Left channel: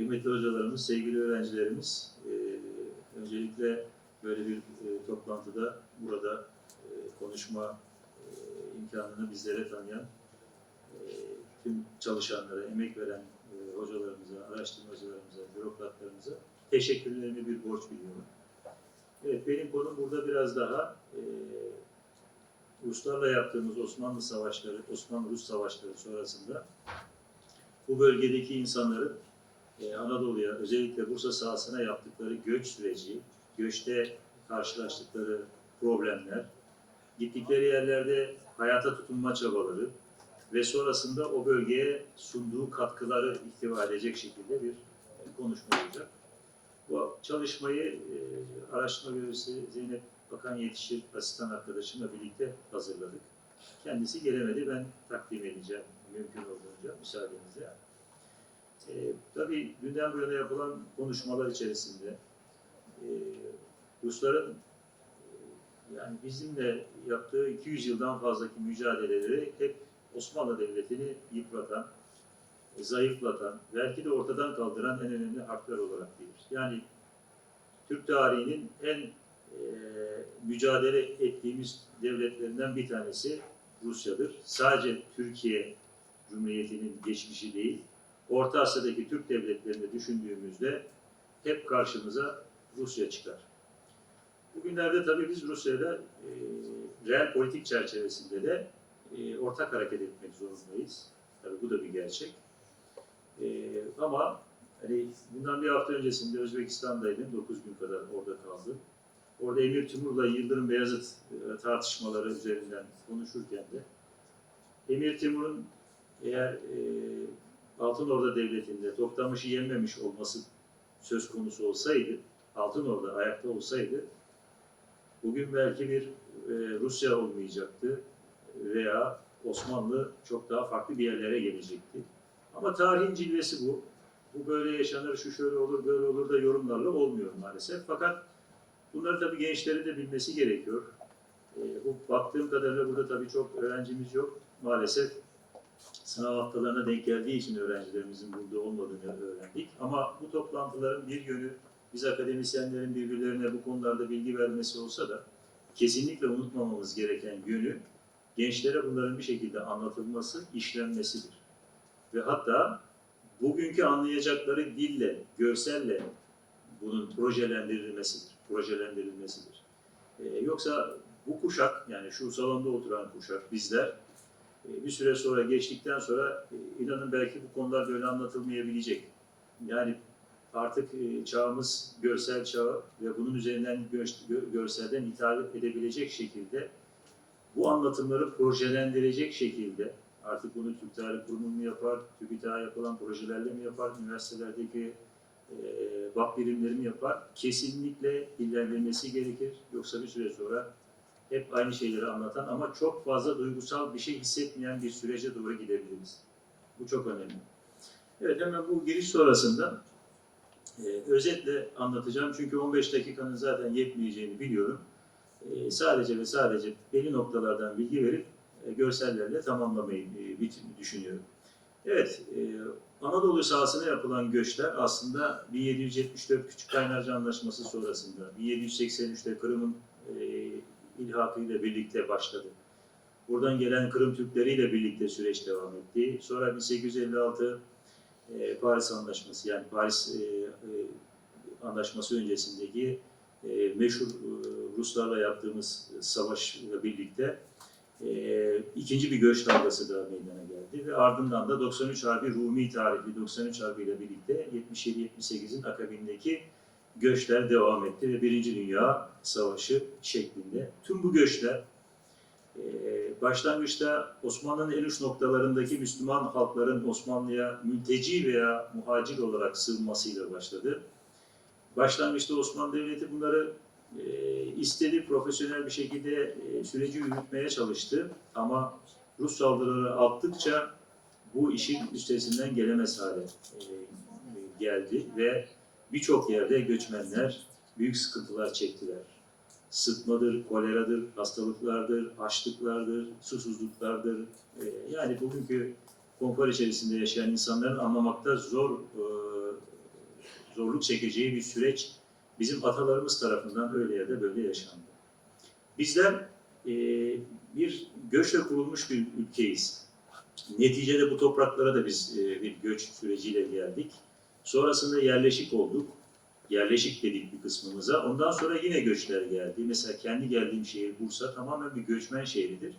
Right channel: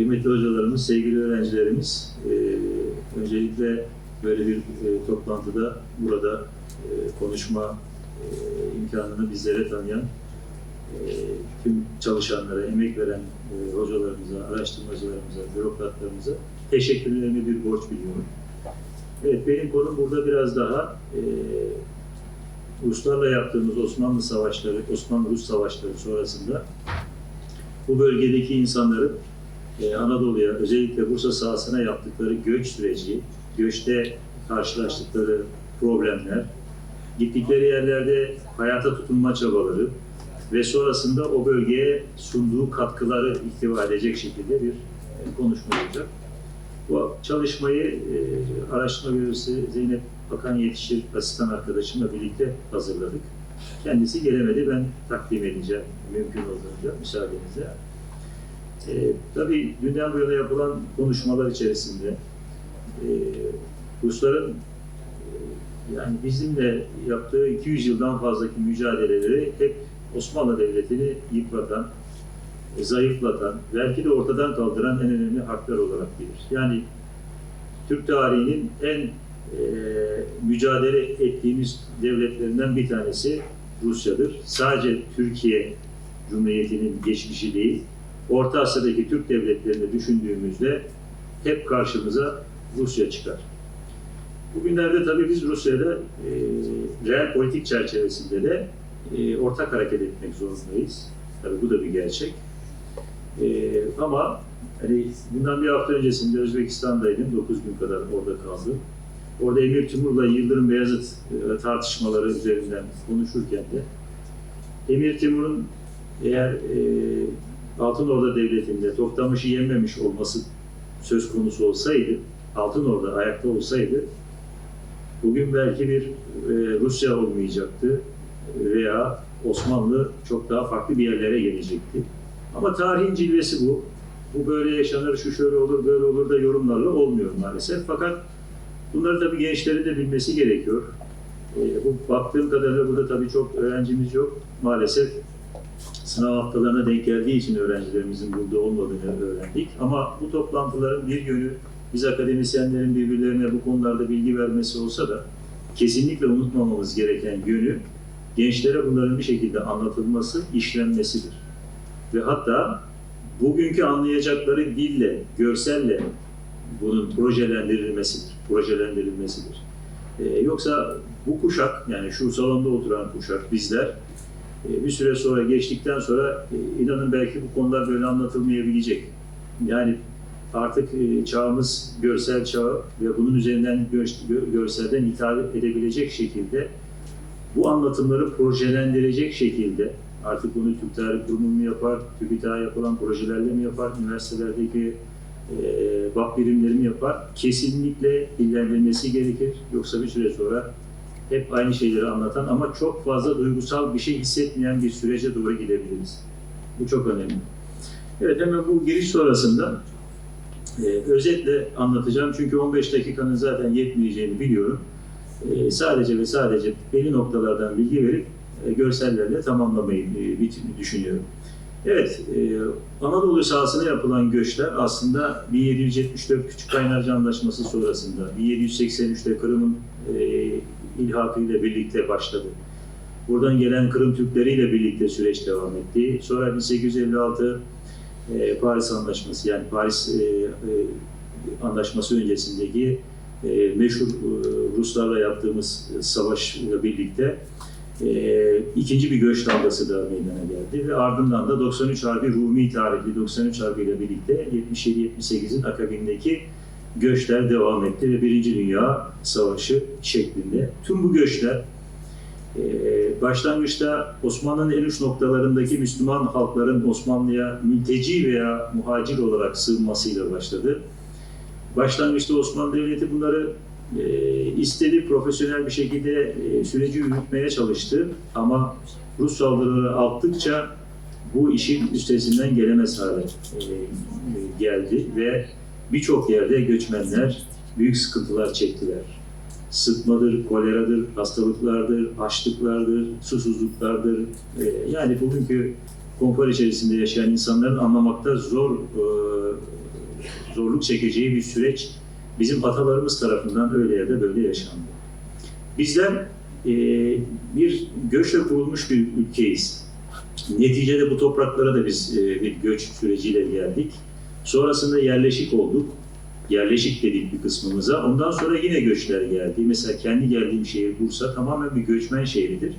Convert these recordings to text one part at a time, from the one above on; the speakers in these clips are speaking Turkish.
kıymetli hocalarımız, sevgili öğrencilerimiz, e, öncelikle böyle bir e, toplantıda burada e, konuşma e, imkanını bizlere tanıyan e, tüm çalışanlara, emek veren e, hocalarımıza, araştırmacılarımıza, bürokratlarımıza teşekkürlerimi bir borç biliyorum. Evet, benim konum burada biraz daha e, Ruslarla yaptığımız Osmanlı savaşları, Osmanlı-Rus savaşları sonrasında bu bölgedeki insanların Anadolu'ya, özellikle Bursa sahasına yaptıkları göç süreci, göçte karşılaştıkları problemler, gittikleri yerlerde hayata tutunma çabaları ve sonrasında o bölgeye sunduğu katkıları ihtiva edecek şekilde bir e, konuşma olacak. Bu çalışmayı e, araştırma görevlisi Zeynep Bakan Yetişir asistan arkadaşımla birlikte hazırladık. Kendisi gelemedi, ben takdim edeceğim mümkün olduğunca müsaadenizle. E, tabii dünden bu yana yapılan konuşmalar içerisinde e, Rusların e, yani bizimle yaptığı 200 yıldan fazlaki mücadeleleri hep Osmanlı Devleti'ni yıpratan, e, zayıflatan, belki de ortadan kaldıran en önemli harpler olarak bilir. Yani Türk tarihinin en e, mücadele ettiğimiz devletlerinden bir tanesi Rusya'dır. Sadece Türkiye Cumhuriyeti'nin geçmişi değil, Orta Asya'daki Türk devletlerini düşündüğümüzde hep karşımıza Rusya çıkar. Bugünlerde tabii biz Rusya'da e, reel politik çerçevesinde de e, ortak hareket etmek zorundayız. Tabii bu da bir gerçek. E, ama hani bundan bir hafta öncesinde Özbekistan'daydım. 9 gün kadar orada kaldım. Orada Emir Timur'la Yıldırım Beyazıt e, tartışmaları üzerinden konuşurken de Emir Timur'un eğer e, Altınorda Devleti'nde Toktamış'ı yenmemiş olması söz konusu olsaydı, Altınorda ayakta olsaydı bugün belki bir e, Rusya olmayacaktı veya Osmanlı çok daha farklı bir yerlere gelecekti. Ama tarihin cilvesi bu. Bu böyle yaşanır, şu şöyle olur, böyle olur da yorumlarla olmuyor maalesef. Fakat bunları tabii gençlerin de bilmesi gerekiyor. E, bu baktığım kadarıyla burada tabii çok öğrencimiz yok. Maalesef sınav haftalarına denk geldiği için öğrencilerimizin burada olmadığını öğrendik. Ama bu toplantıların bir yönü biz akademisyenlerin birbirlerine bu konularda bilgi vermesi olsa da kesinlikle unutmamamız gereken yönü gençlere bunların bir şekilde anlatılması, işlenmesidir. Ve hatta bugünkü anlayacakları dille, görselle bunun projelendirilmesidir. Projelendirilmesidir. Ee, yoksa bu kuşak, yani şu salonda oturan kuşak, bizler bir süre sonra geçtikten sonra e, inanın belki bu konular böyle anlatılmayabilecek. Yani artık e, çağımız görsel çağı ve bunun üzerinden gö- görselden hitap edebilecek şekilde bu anlatımları projelendirecek şekilde artık bunu Türk Tarih Kurumu mu yapar, TÜBİTAK'a yapılan projelerle mi yapar, üniversitelerdeki e, birimleri mi yapar? Kesinlikle dillendirilmesi gerekir. Yoksa bir süre sonra hep aynı şeyleri anlatan ama çok fazla duygusal bir şey hissetmeyen bir sürece doğru gidebiliriz. Bu çok önemli. Evet hemen bu giriş sonrasında e, özetle anlatacağım. Çünkü 15 dakikanın zaten yetmeyeceğini biliyorum. E, sadece ve sadece belli noktalardan bilgi verip e, görsellerle tamamlamayı e, düşünüyorum. Evet, e, Anadolu sahasına yapılan göçler aslında 1774 Küçük Kaynarca Anlaşması sonrasında 1783'te Kırım'ın e, ilhakıyla birlikte başladı. Buradan gelen Kırım Türkleriyle birlikte süreç devam etti. Sonra 1856 e, Paris Anlaşması yani Paris e, e, Anlaşması öncesindeki e, meşhur e, Ruslarla yaptığımız savaşla birlikte e, ikinci bir göç dalgası da meydana geldi ve ardından da 93 Harbi Rumi tarihli 93 Harbi ile birlikte 77-78'in akabindeki göçler devam etti ve Birinci Dünya Savaşı şeklinde. Tüm bu göçler e, başlangıçta Osmanlı'nın en uç noktalarındaki Müslüman halkların Osmanlı'ya mülteci veya muhacir olarak sığınmasıyla başladı. Başlangıçta Osmanlı Devleti bunları e, istedi, profesyonel bir şekilde e, süreci yürütmeye çalıştı. Ama Rus saldırıları arttıkça bu işin üstesinden gelemez hale geldi ve birçok yerde göçmenler büyük sıkıntılar çektiler. Sıtmadır, koleradır, hastalıklardır, açlıklardır, susuzluklardır. E, yani bugünkü konfor içerisinde yaşayan insanların anlamakta zor e, zorluk çekeceği bir süreç bizim atalarımız tarafından öyle ya da böyle yaşandı. Bizler e, bir göçle kurulmuş bir ülkeyiz. Neticede bu topraklara da biz e, bir göç süreciyle geldik. Sonrasında yerleşik olduk. Yerleşik dedik bir kısmımıza. Ondan sonra yine göçler geldi. Mesela kendi geldiğim şehir Bursa tamamen bir göçmen şehridir.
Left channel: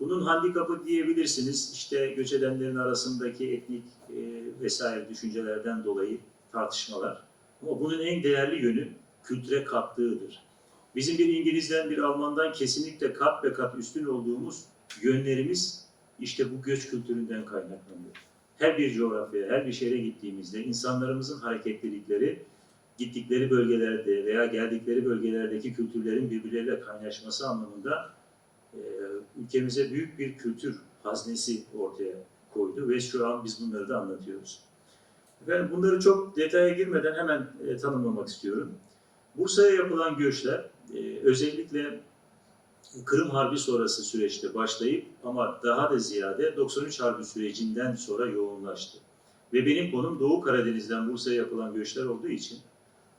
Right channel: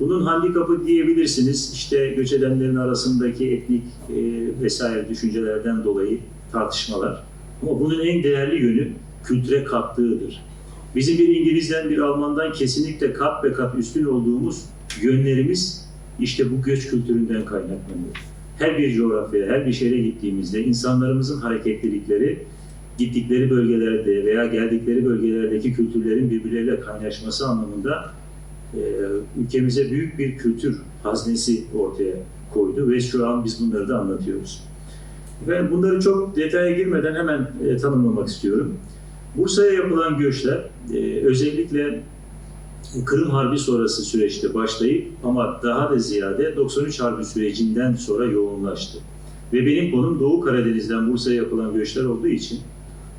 Bunun handikapı diyebilirsiniz. İşte göç edenlerin arasındaki etnik e, vesaire düşüncelerden dolayı tartışmalar. Ama bunun en değerli yönü kültüre kattığıdır. Bizim bir İngiliz'den bir Alman'dan kesinlikle kat ve kat üstün olduğumuz yönlerimiz işte bu göç kültüründen kaynaklanıyor. Her bir coğrafyaya, her bir şehre gittiğimizde insanlarımızın hareketlilikleri gittikleri bölgelerde veya geldikleri bölgelerdeki kültürlerin birbirleriyle kaynaşması anlamında e, ülkemize büyük bir kültür haznesi ortaya koydu ve şu an biz bunları da anlatıyoruz. Ben bunları çok detaya girmeden hemen e, tanımlamak istiyorum. Bursa'ya yapılan göçler e, özellikle Kırım Harbi sonrası süreçte başlayıp ama daha da ziyade 93 Harbi sürecinden sonra yoğunlaştı. Ve benim konum Doğu Karadeniz'den Bursa'ya yapılan göçler olduğu için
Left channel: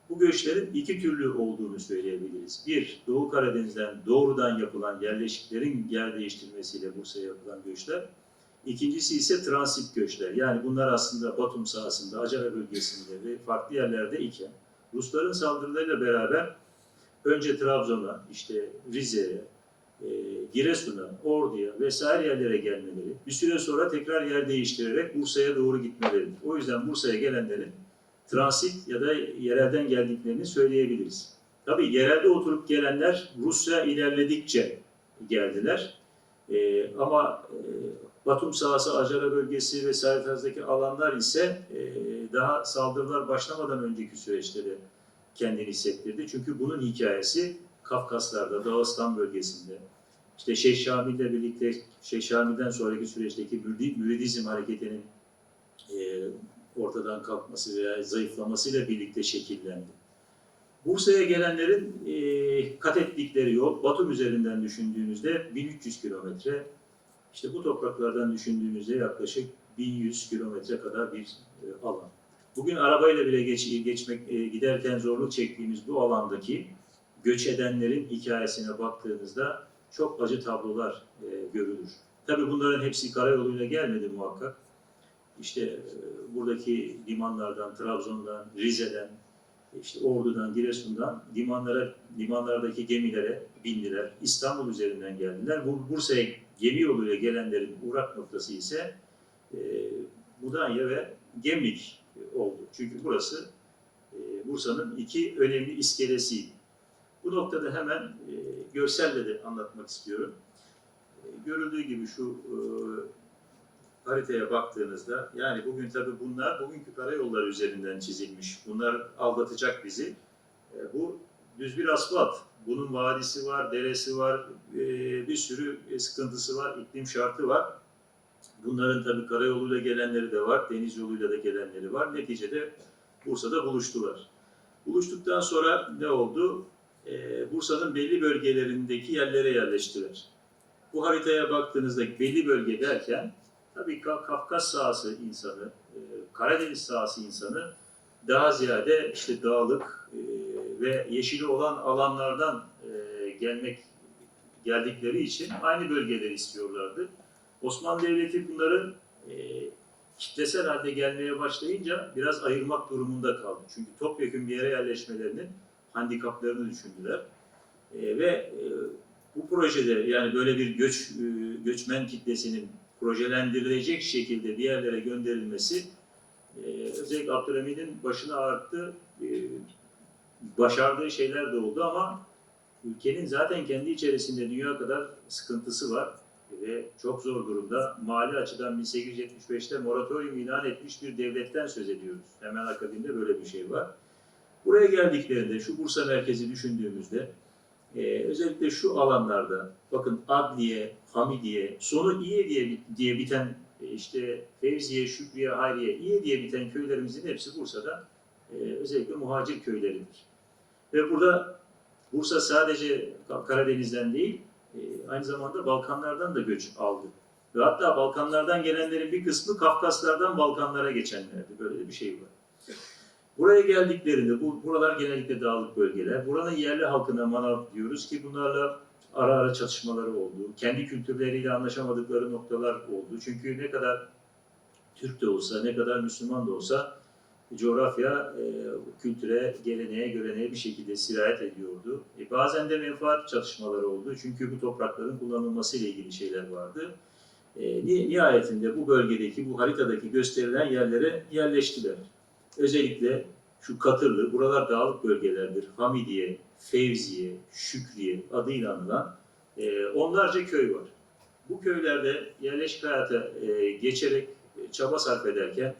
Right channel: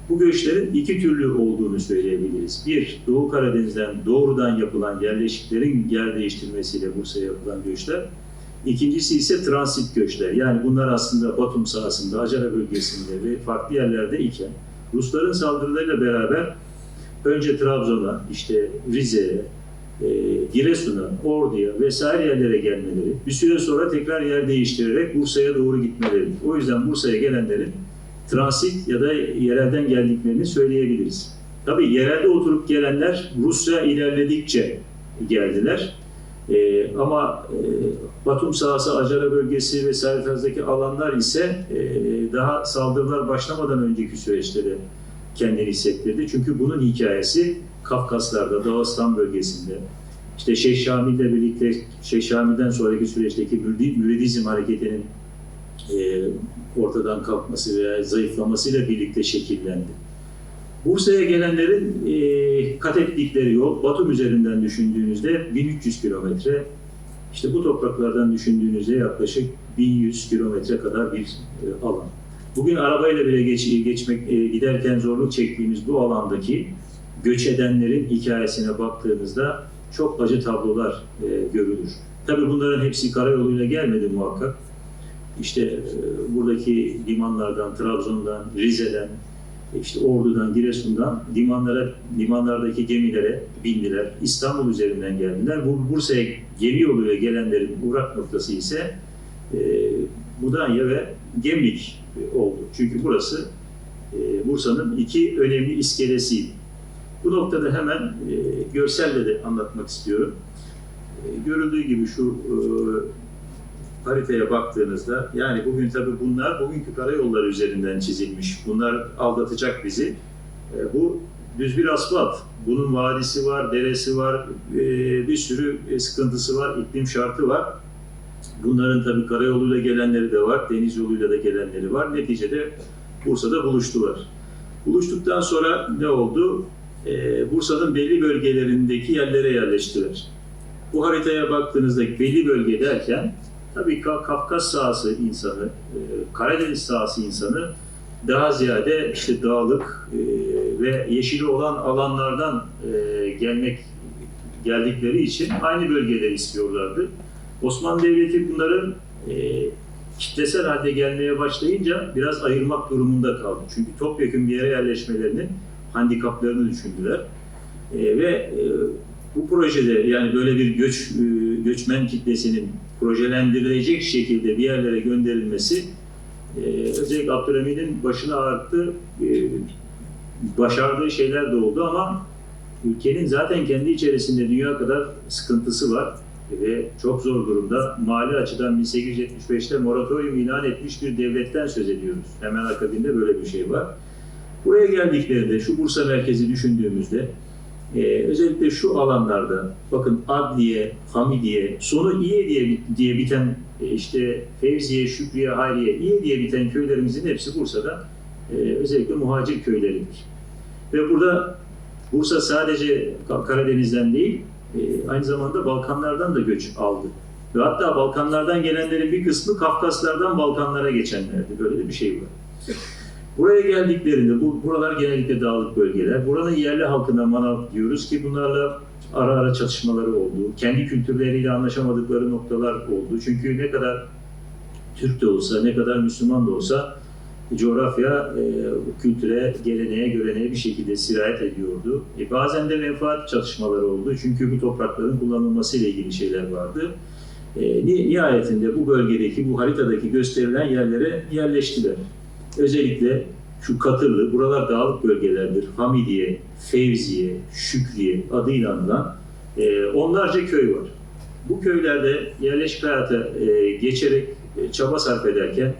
bu göçlerin iki türlü olduğunu söyleyebiliriz. Bir, Doğu Karadeniz'den doğrudan yapılan yerleşiklerin yer değiştirmesiyle Bursa'ya yapılan göçler. İkincisi ise transit göçler. Yani bunlar aslında Batum sahasında, Acara bölgesinde ve farklı yerlerde iken Rusların saldırılarıyla beraber önce Trabzon'a, işte Rize'ye, Giresun'a, Ordu'ya vesaire yerlere gelmeleri, bir süre sonra tekrar yer değiştirerek Bursa'ya doğru gitmeleri. O yüzden Bursa'ya gelenlerin transit ya da yerelden geldiklerini söyleyebiliriz. Tabii yerelde oturup gelenler Rusya ilerledikçe geldiler. Ee, ama e, Batum sahası, Acara bölgesi vesaire tarzdaki alanlar ise e, daha saldırılar başlamadan önceki süreçte kendini hissettirdi. Çünkü bunun hikayesi Kafkaslar'da, Dağıstan bölgesinde, işte Şeyh Şamil'le birlikte Şeyh Şamil'den sonraki süreçteki müridizm hareketinin e, ortadan kalkması veya zayıflamasıyla birlikte şekillendi. Bursa'ya gelenlerin e, kat ettikleri yol Batum üzerinden düşündüğünüzde 1300 kilometre, işte bu topraklardan düşündüğünüzde yaklaşık 1100 kilometre kadar bir e, alan. Bugün arabayla bile geç, geçmek e, giderken zorluk çektiğimiz bu alandaki göç edenlerin hikayesine baktığınızda çok acı tablolar e, görülür. Tabii bunların hepsi karayoluyla gelmedi muhakkak. İşte e, buradaki limanlardan, Trabzon'dan, Rize'den, işte Ordu'dan, Giresun'dan limanlara, limanlardaki gemilere bindiler. İstanbul üzerinden geldiler. Bu Bursa'ya gemi yoluyla gelenlerin uğrak noktası ise e, Mudanya ve Gemlik e, oldu. Çünkü burası e, Bursa'nın iki önemli iskelesiydi. Bu noktada hemen e, görselle de anlatmak istiyorum. E, görüldüğü gibi şu e, haritaya baktığınızda yani bugün tabii bunlar bugünkü karayolları üzerinden çizilmiş. Bunlar aldatacak bizi. E, bu düz bir asfalt. Bunun vadisi var, deresi var, e, bir sürü e, sıkıntısı var, iklim şartı var. Bunların tabii karayoluyla gelenleri de var, deniz yoluyla da gelenleri var. Neticede Bursa'da buluştular. Buluştuktan sonra ne oldu? E, Bursa'nın belli bölgelerindeki yerlere yerleştiler. Bu haritaya baktığınızda belli bölge derken tabii Ka- Kafkas sahası insanı, e, Karadeniz sahası insanı daha ziyade işte dağlık e, ve yeşili olan alanlardan e, gelmek geldikleri için aynı bölgeleri istiyorlardı. Osmanlı Devleti bunların e, kitlesel halde gelmeye başlayınca biraz ayırmak durumunda kaldı. Çünkü topyekun bir yere yerleşmelerinin handikaplarını düşündüler. E, ve e, bu projede yani böyle bir göç e, göçmen kitlesinin projelendirilecek şekilde bir yerlere gönderilmesi e, özellikle Abdülhamid'in başını ağrıttı. E, başardığı şeyler de oldu ama ülkenin zaten kendi içerisinde dünya kadar sıkıntısı var ve çok zor durumda. Mali açıdan 1875'te moratorium ilan etmiş bir devletten söz ediyoruz. Hemen akabinde böyle bir şey var. Buraya geldiklerinde şu Bursa merkezi düşündüğümüzde ee, özellikle şu alanlarda bakın Adliye, Hamidiye, sonu İye diye, diye biten e, işte Fevziye, Şükriye, Hayriye, İye diye biten köylerimizin hepsi Bursa'da e, özellikle muhacir köyleridir. Ve burada Bursa sadece Karadeniz'den değil, e, aynı zamanda Balkanlardan da göç aldı. Ve hatta Balkanlardan gelenlerin bir kısmı Kafkaslardan Balkanlara geçenlerdi. Böyle de bir şey var. Buraya geldiklerinde, bu buralar genellikle dağlık bölgeler. Buranın yerli halkına manav diyoruz ki bunlarla ara ara çatışmaları oldu. Kendi kültürleriyle anlaşamadıkları noktalar oldu. Çünkü ne kadar Türk de olsa, ne kadar Müslüman da olsa coğrafya e, kültüre, geleneğe, göreneğe bir şekilde sirayet ediyordu. E, bazen de menfaat çatışmaları oldu. Çünkü bu toprakların kullanılması ile ilgili şeyler vardı. E, ni- nihayetinde bu bölgedeki, bu haritadaki gösterilen yerlere yerleştiler. Özellikle şu Katırlı, buralar dağlık bölgelerdir. Hamidiye, Fevziye, Şükriye adıyla anılan e, onlarca köy var. Bu köylerde yerleşik hayata e, geçerek e, çaba sarf ederken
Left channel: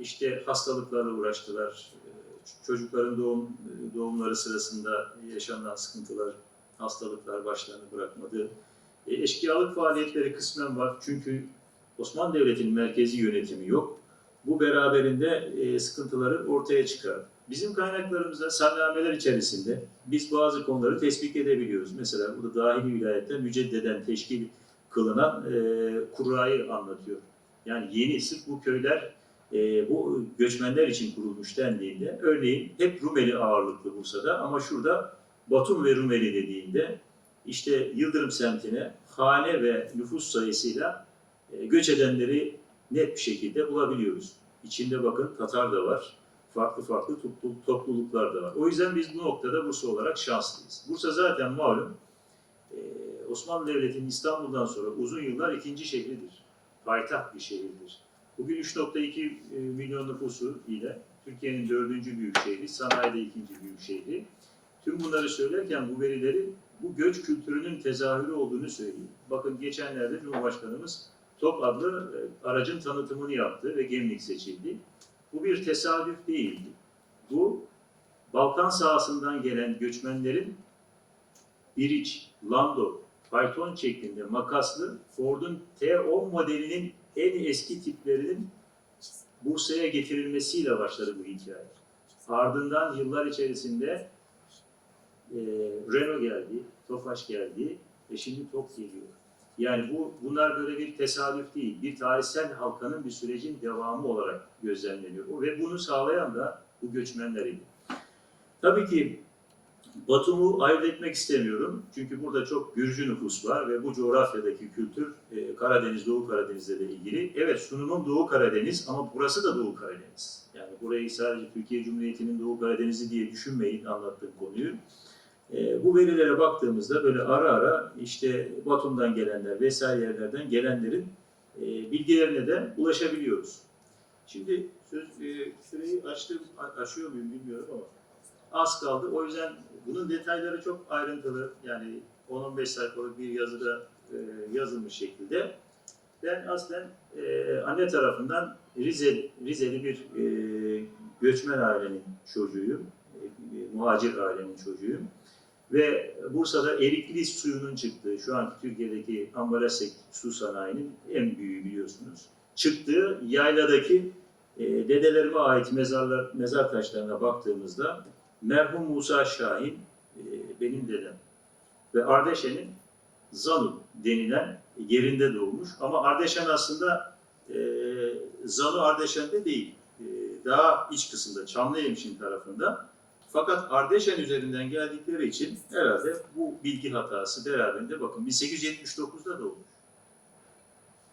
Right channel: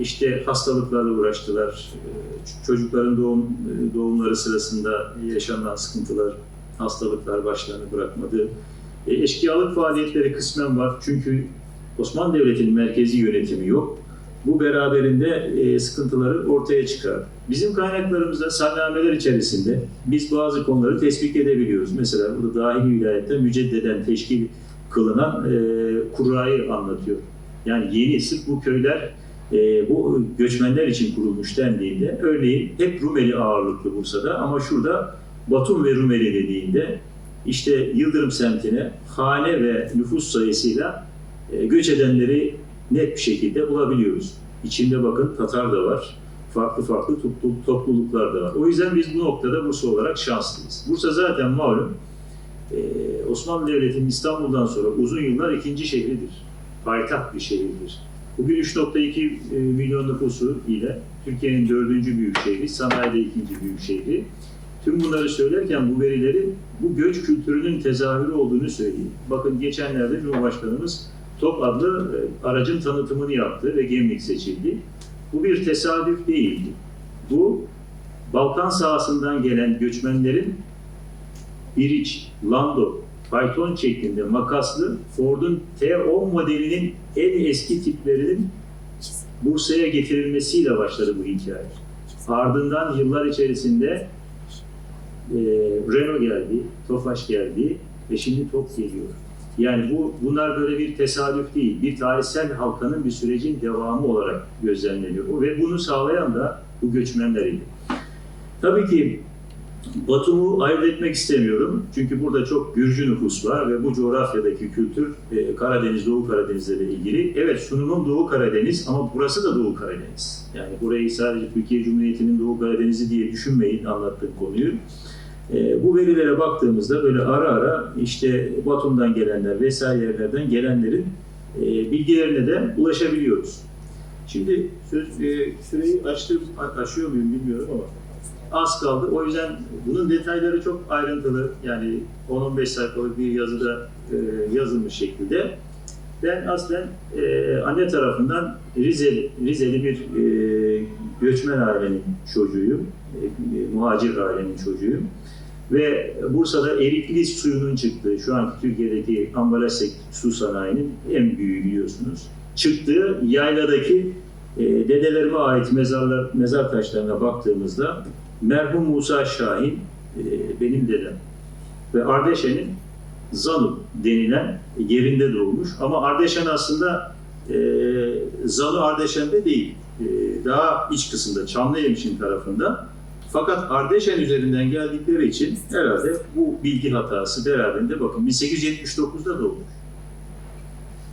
işte hastalıklarla uğraştılar. E, Çocukların doğum e, doğumları sırasında yaşanan sıkıntılar, hastalıklar başlarını bırakmadı. E, Eşkıyalık faaliyetleri kısmen var. Çünkü Osmanlı Devleti'nin merkezi yönetimi yok. Bu beraberinde e, sıkıntıları ortaya çıkar. Bizim kaynaklarımızda salnameler içerisinde biz bazı konuları tespit edebiliyoruz. Mesela burada dahili vilayette müceddeden teşkil kılınan e, kurayı anlatıyor. Yani yeni sırf bu köyler e, bu göçmenler için kurulmuş dendiğinde örneğin hep Rumeli ağırlıklı Bursa'da ama şurada Batum ve Rumeli dediğinde işte Yıldırım semtine hane ve nüfus sayısıyla e, göç edenleri net bir şekilde bulabiliyoruz. İçinde bakın Tatar da var, farklı farklı toplu- topluluklar da var. O yüzden biz bu noktada Bursa olarak şanslıyız. Bursa zaten malum e, Osmanlı Devleti'nin İstanbul'dan sonra uzun yıllar ikinci şehridir. Payitaht bir şehirdir. Bugün 3.2 e, milyon nüfusu ile Türkiye'nin dördüncü büyük şehri, sanayide ikinci büyük şehri. Tüm bunları söylerken bu verileri bu göç kültürünün tezahürü olduğunu söyleyeyim. Bakın geçenlerde Cumhurbaşkanımız TOP adlı e, aracın tanıtımını yaptı ve Gemlik seçildi. Bu bir tesadüf değildi. Bu Balkan sahasından gelen göçmenlerin biriç, Lando, fayton şeklinde makaslı Ford'un T10 modelinin en eski tiplerinin Bursa'ya getirilmesiyle başladı bu hikaye. Ardından yıllar içerisinde e, Renault geldi, Tofaş geldi ve şimdi TOP geliyor. Yani bu bunlar böyle bir tesadüf değil, bir tarihsel halkanın bir sürecin devamı olarak gözlemleniyor. Ve bunu sağlayan da bu göçmenleriydi. Tabii ki Batum'u ayırt etmek istemiyorum. Çünkü burada çok Gürcü nüfus var ve bu coğrafyadaki kültür e, Karadeniz, Doğu Karadeniz'le de ilgili. Evet sunumum Doğu Karadeniz ama burası da Doğu Karadeniz. Yani burayı sadece Türkiye Cumhuriyeti'nin Doğu Karadeniz'i diye düşünmeyin anlattığım konuyu. E, bu verilere baktığımızda böyle ara ara işte Batum'dan gelenler vesaire yerlerden gelenlerin e, bilgilerine de ulaşabiliyoruz. Şimdi söz, e, süreyi açtım, aşıyor muyum bilmiyorum ama az kaldı. O yüzden bunun detayları çok ayrıntılı. Yani 10-15 sayfalık bir yazıda yazılmış şekilde. Ben aslen anne tarafından Rizeli, Rizeli bir göçmen ailenin çocuğuyum. E, muhacir ailenin çocuğuyum. Ve Bursa'da erikli suyunun çıktığı, şu anki Türkiye'deki ambalaj su sanayinin en büyüğü biliyorsunuz. Çıktığı yayladaki e, dedelerime ait mezarlar, mezar taşlarına baktığımızda merhum Musa Şahin e, benim dedem ve Ardeşen'in Zanu denilen yerinde doğmuş. Ama Ardeşen aslında e, Zanu Ardeşen'de değil. E, daha iç kısımda, Çamlıhemşin tarafında. Fakat Ardeşen üzerinden geldikleri için herhalde bu bilgi hatası beraberinde bakın 1879'da doğmuş.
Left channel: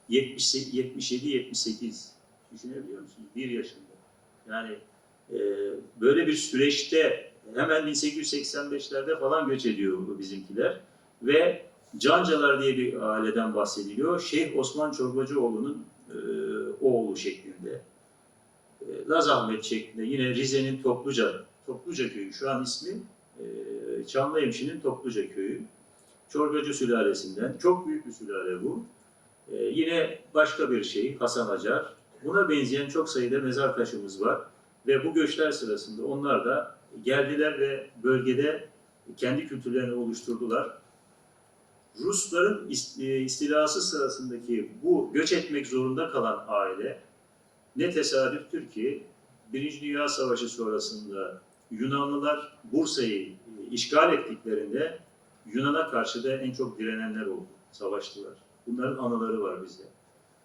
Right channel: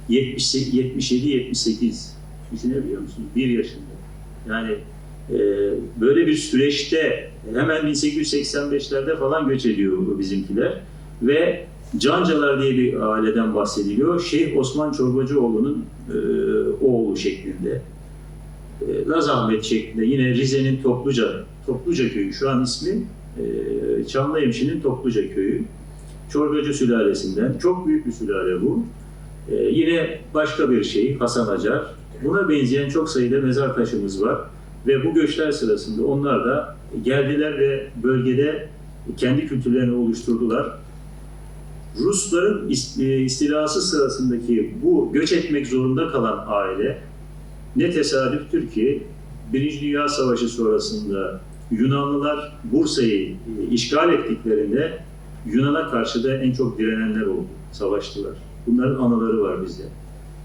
77-78 düşünebiliyor musunuz? Bir yaşında. Yani e, böyle bir süreçte hemen 1885'lerde falan göç ediyor bizimkiler ve Cancalar diye bir aileden bahsediliyor. Şeyh Osman Çorbacıoğlu'nun e, oğlu şeklinde. E, Laz Ahmet şeklinde yine Rize'nin Topluca, Topluca köyü şu an ismi e, Çamlıhemşin'in Topluca köyü. Çorbacı sülalesinden. Çok büyük bir sülale bu. E, yine başka bir şey Hasan Acar. Buna benzeyen çok sayıda mezar taşımız var. Ve bu göçler sırasında onlar da geldiler ve bölgede kendi kültürlerini oluşturdular. Rusların e, istilası sırasındaki bu göç etmek zorunda kalan aile ne tesadüftür ki Birinci Dünya Savaşı sonrasında Yunanlılar Bursa'yı e, işgal ettiklerinde Yunan'a karşı da en çok direnenler oldu, savaştılar. Bunların anıları var bizde.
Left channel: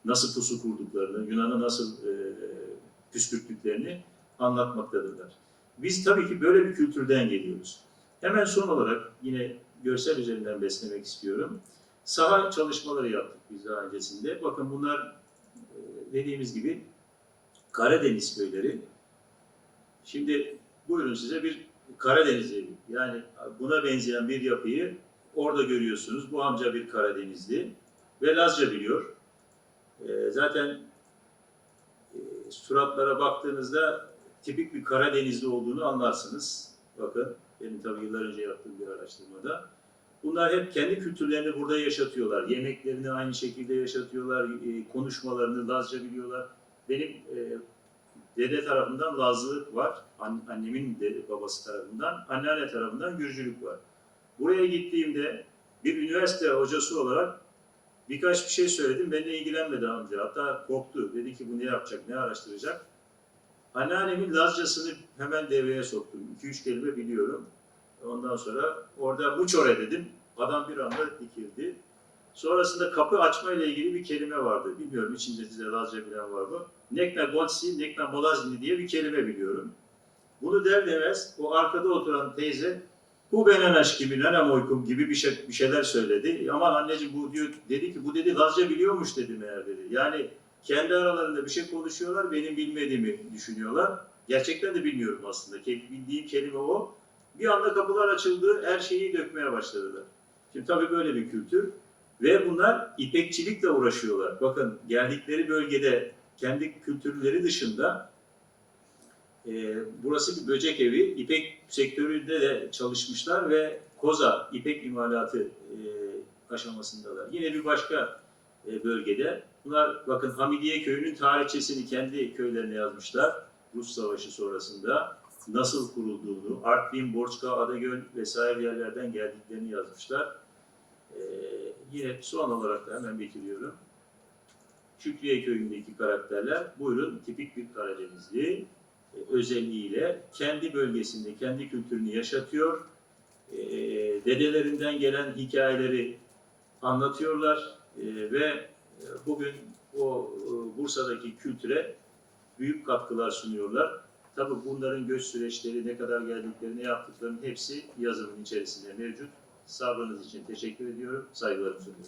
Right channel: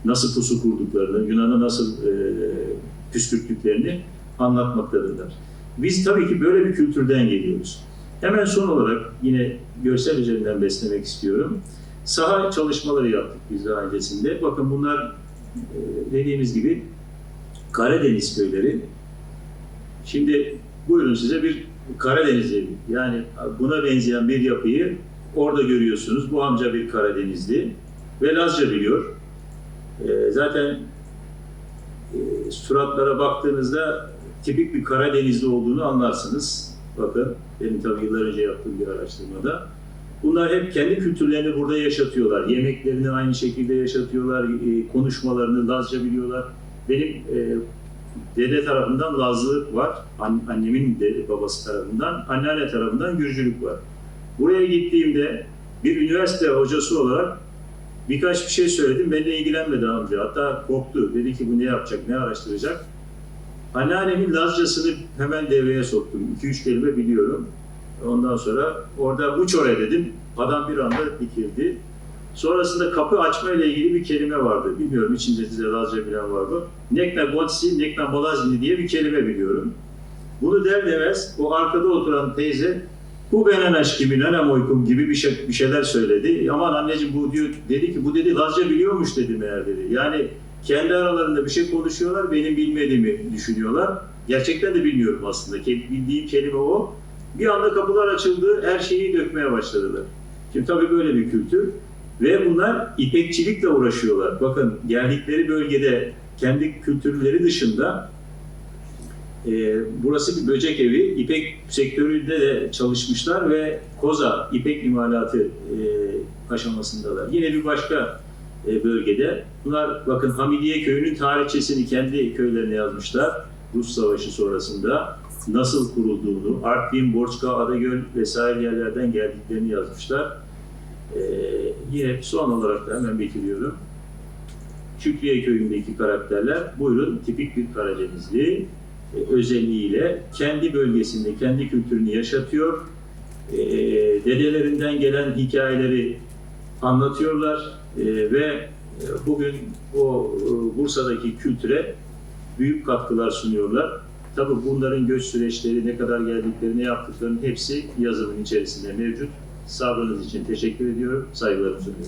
Nasıl pusu kurduklarını, Yunan'a nasıl e, püskürttüklerini anlatmaktadırlar. Biz tabii ki böyle bir kültürden geliyoruz. Hemen son olarak yine görsel üzerinden beslemek istiyorum. Saha çalışmaları yaptık biz daha öncesinde. Bakın bunlar e, dediğimiz gibi Karadeniz köyleri. Şimdi buyurun size bir Karadeniz evi. Yani buna benzeyen bir yapıyı orada görüyorsunuz. Bu amca bir Karadenizli ve Lazca biliyor. E, zaten e, suratlara baktığınızda tipik bir Karadenizli olduğunu anlarsınız. Bakın benim tabii yıllar önce yaptığım bir araştırmada. Bunlar hep kendi kültürlerini burada yaşatıyorlar. Yemeklerini aynı şekilde yaşatıyorlar. e, Konuşmalarını Lazca biliyorlar. Benim e, dede tarafından Lazlılık var. An- annemin de babası tarafından. Anneanne tarafından Gürcülük var. Buraya gittiğimde bir üniversite hocası olarak birkaç bir şey söyledim. Benimle ilgilenmedi amca. Hatta korktu. Dedi ki bu ne yapacak, ne araştıracak. Anneannemin Lazcasını hemen devreye soktum. 2-3 kelime biliyorum. Ondan sonra orada uçore dedim. Adam bir anda dikildi. Sonrasında kapı açma ile ilgili bir kelime vardı. Bilmiyorum içinde size Lazca bilen var mı? Nekme Bolazini diye bir kelime biliyorum. Bunu der demez o arkada oturan teyze bu benen aşkımın önem uykum gibi bir, şey, bir şeyler söyledi. Aman anneciğim bu diyor dedi ki bu dedi Lazca biliyormuş dedi meğer dedi. Yani kendi aralarında bir şey konuşuyorlar benim bilmediğimi düşünüyorlar. Gerçekten de bilmiyorum aslında. Bildiğim kelime o. Bir anda kapılar açıldı, her şeyi dökmeye başladılar. Şimdi tabii böyle bir kültür. Ve bunlar ipekçilikle uğraşıyorlar. Bakın geldikleri bölgede kendi kültürleri dışında e, burası bir böcek evi. İpek sektöründe de çalışmışlar ve koza, ipek imalatı e, aşamasındalar. Yine bir başka e, bölgede. Bunlar bakın Hamidiye köyünün tarihçesini kendi köylerine yazmışlar. Rus Savaşı sonrasında nasıl kurulduğunu, Artvin, Borçka, Adagöl vesaire yerlerden geldiklerini yazmışlar. Ee, yine son olarak da hemen bitiriyorum. Şükriye köyündeki karakterler buyurun tipik bir Karadenizli e, özelliğiyle kendi bölgesinde kendi kültürünü yaşatıyor. E, dedelerinden gelen hikayeleri anlatıyorlar E, ve e, bugün o e, Bursa'daki kültüre büyük katkılar sunuyorlar. Tabii bunların göç süreçleri, ne kadar geldikleri, ne yaptıklarının hepsi yazımın içerisinde mevcut. Sabrınız için teşekkür ediyorum. Saygılarımı sunuyorum.